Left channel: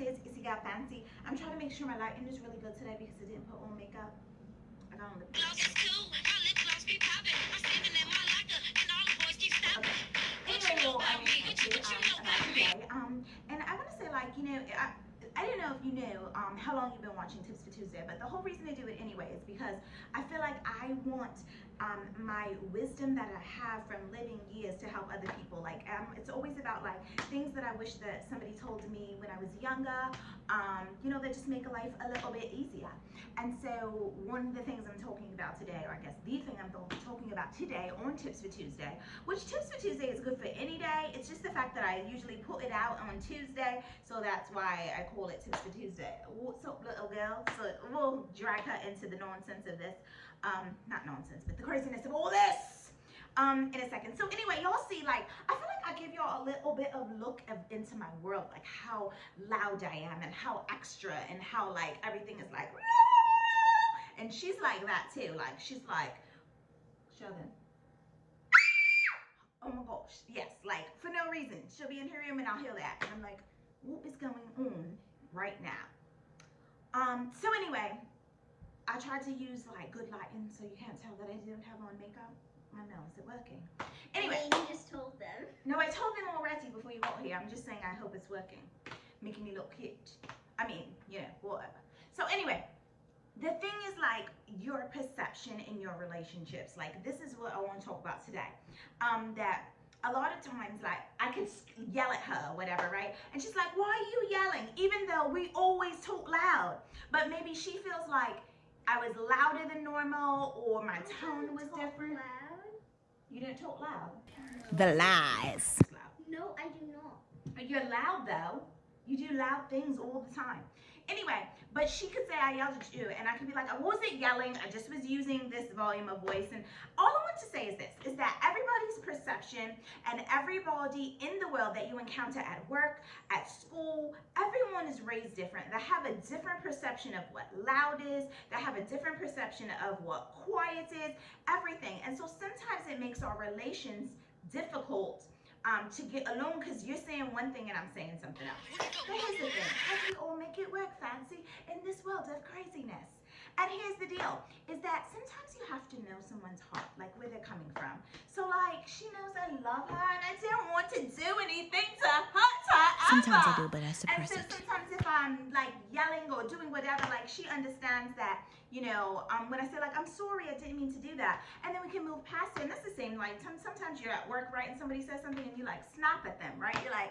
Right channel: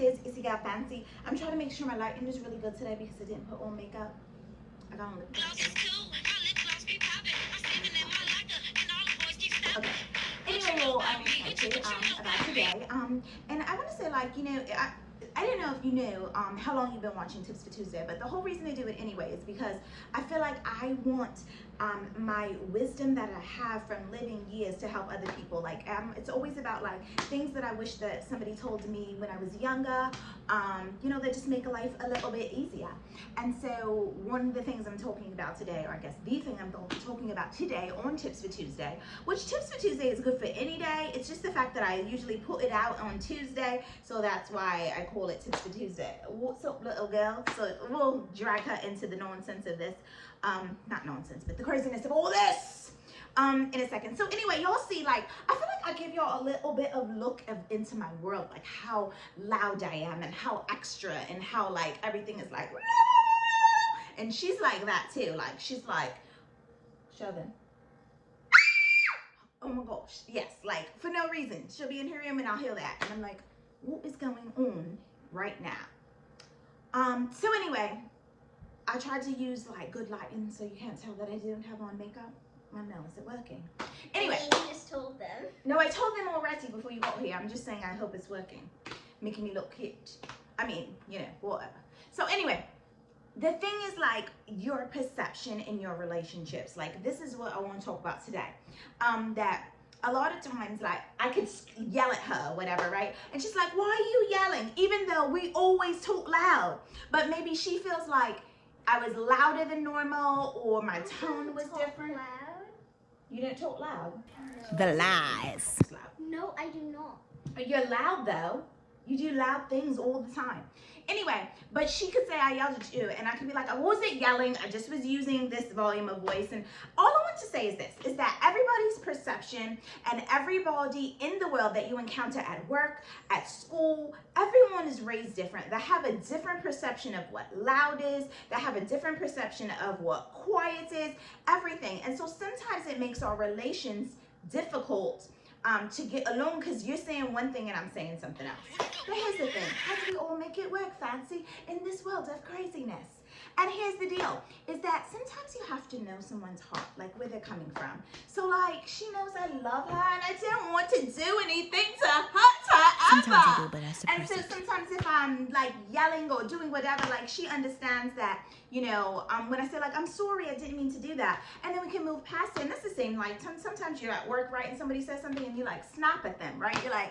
is? It's your girl Fancy. I'm trying to make sure my lighting is really good today because I didn't put on makeup. I got on lip gloss. Okay. Anyway, well, I'm excited about today. And I want to say, like, you know, I don't know if you knew how long you've been watching Tips for Tuesday, but the whole reason I do it anyway is because I feel like I want my wisdom that I have from living years to help other people. Like, it's always about like things that I wish that somebody told me when I was younger, you know, that just make life a little bit easier. And so one of the things I'm talking about today, or I guess the thing I'm talking about today on Tips for Tuesday, which Tips for Tuesday is good for any day. It's just the fact that I usually put it out on Tuesday, so that's why I call it Tips for Tuesday. What's up, little girl? So we'll drag her into the nonsense of this, not nonsense, but the craziness of all this in a second. So anyway, y'all see, like, I feel like I give y'all a little bit of look into my world, like how loud I am and how extra and how like everything is like, and she's like that too. Like, she's like, Sheldon, oh my gosh, yes, like for no reason. She'll be in her room and I'll hear that, and I'm like, what is going on right now? So anyway, I tried to use like good lighting so you can't tell that I didn't have on makeup. I know, is it working? Anyway. And you just told them. No, I told them already before you got here. I'm just saying I hope it's working. Making me look cute. I mean, you know, whatever. So anyway, the thing is like your perception in your relationships. Like, this is what I want to talk about today. That a lot of times, like, I could yell at her, whatever, right? And she's like, why are you yelling? Even though we always talk loud. But maybe she feels like I was louder than normal, or my tone was different. Loud? You don't talk loud? The lies. No, I do not. You're loud though. You do loud things all the time. Anyway, but she could say I yelled at you, and I could be like, I wasn't yelling, I just was using this volume of voice. And all I want to say is this, is that everybody's perception and everybody in the world that you encounter at work, at school, everyone is raised different. They have a different perception of what loud is. They have a different perception of what quiet is, everything. And so sometimes it makes our relations difficult to get along, because you're saying one thing and I'm saying something else. But here's the thing, how do we all make it work, Fancy, in this world of craziness? And here's the deal, is that sometimes you have to know someone's heart, like where they're coming from. So like, she knows I love her and I don't want to do anything to hurt her ever. Sometimes I do, but I suppress And so it. sometimes if I'm like yelling or doing whatever, like she understands that, you know, when I say like, I'm sorry, I didn't mean to do that. And then we can move past it. And that's the same, like sometimes you're at work, right? And somebody says something and you like snap at them, right? You're like,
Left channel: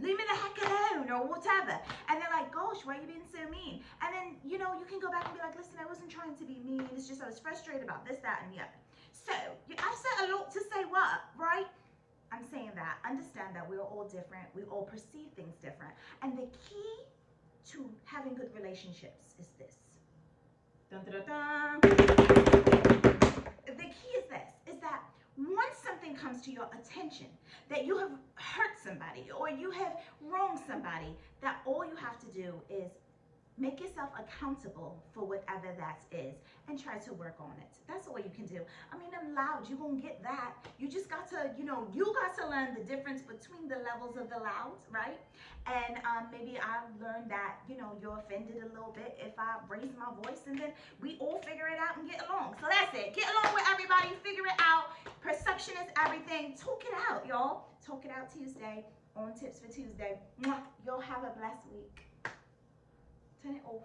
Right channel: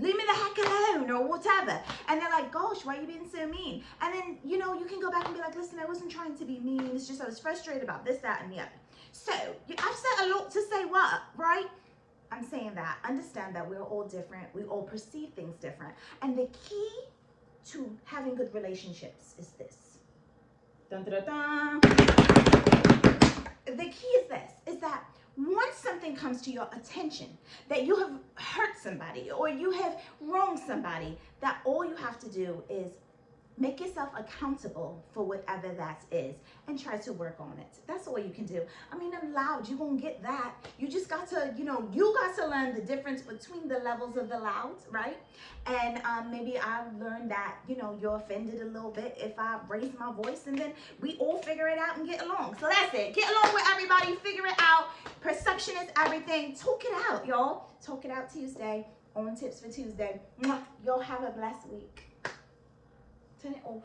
leave me the heck alone or whatever. And they're like, gosh, why are you being so mean? And then, you know, you can go back and be like, listen, I wasn't trying to be mean. It's just I was frustrated about this, that, and the other. So I've said a lot to say what, right? I'm saying that. Understand that we're all different. We all perceive things different. And the key to having good relationships is this. Dun, dun, dun, dun. The key is this, is that once something comes to your attention that you have hurt somebody or you have wronged somebody, that all you have to do is make yourself accountable for whatever that is and try to work on it. That's all you can do. I mean, I'm loud, you're gonna get that. You just got to, you know, you got to learn the difference between the levels of the loud, right? And maybe I've learned that, you know, you're offended a little bit if I raise my voice, and then we all figure it out and get along. So that's it. Get along with everybody, figure it out. Perception is everything. Talk it out, y'all. Talk it out Tuesday on Tips for Tuesday. Mwah. Y'all have a blessed week. Turn it off.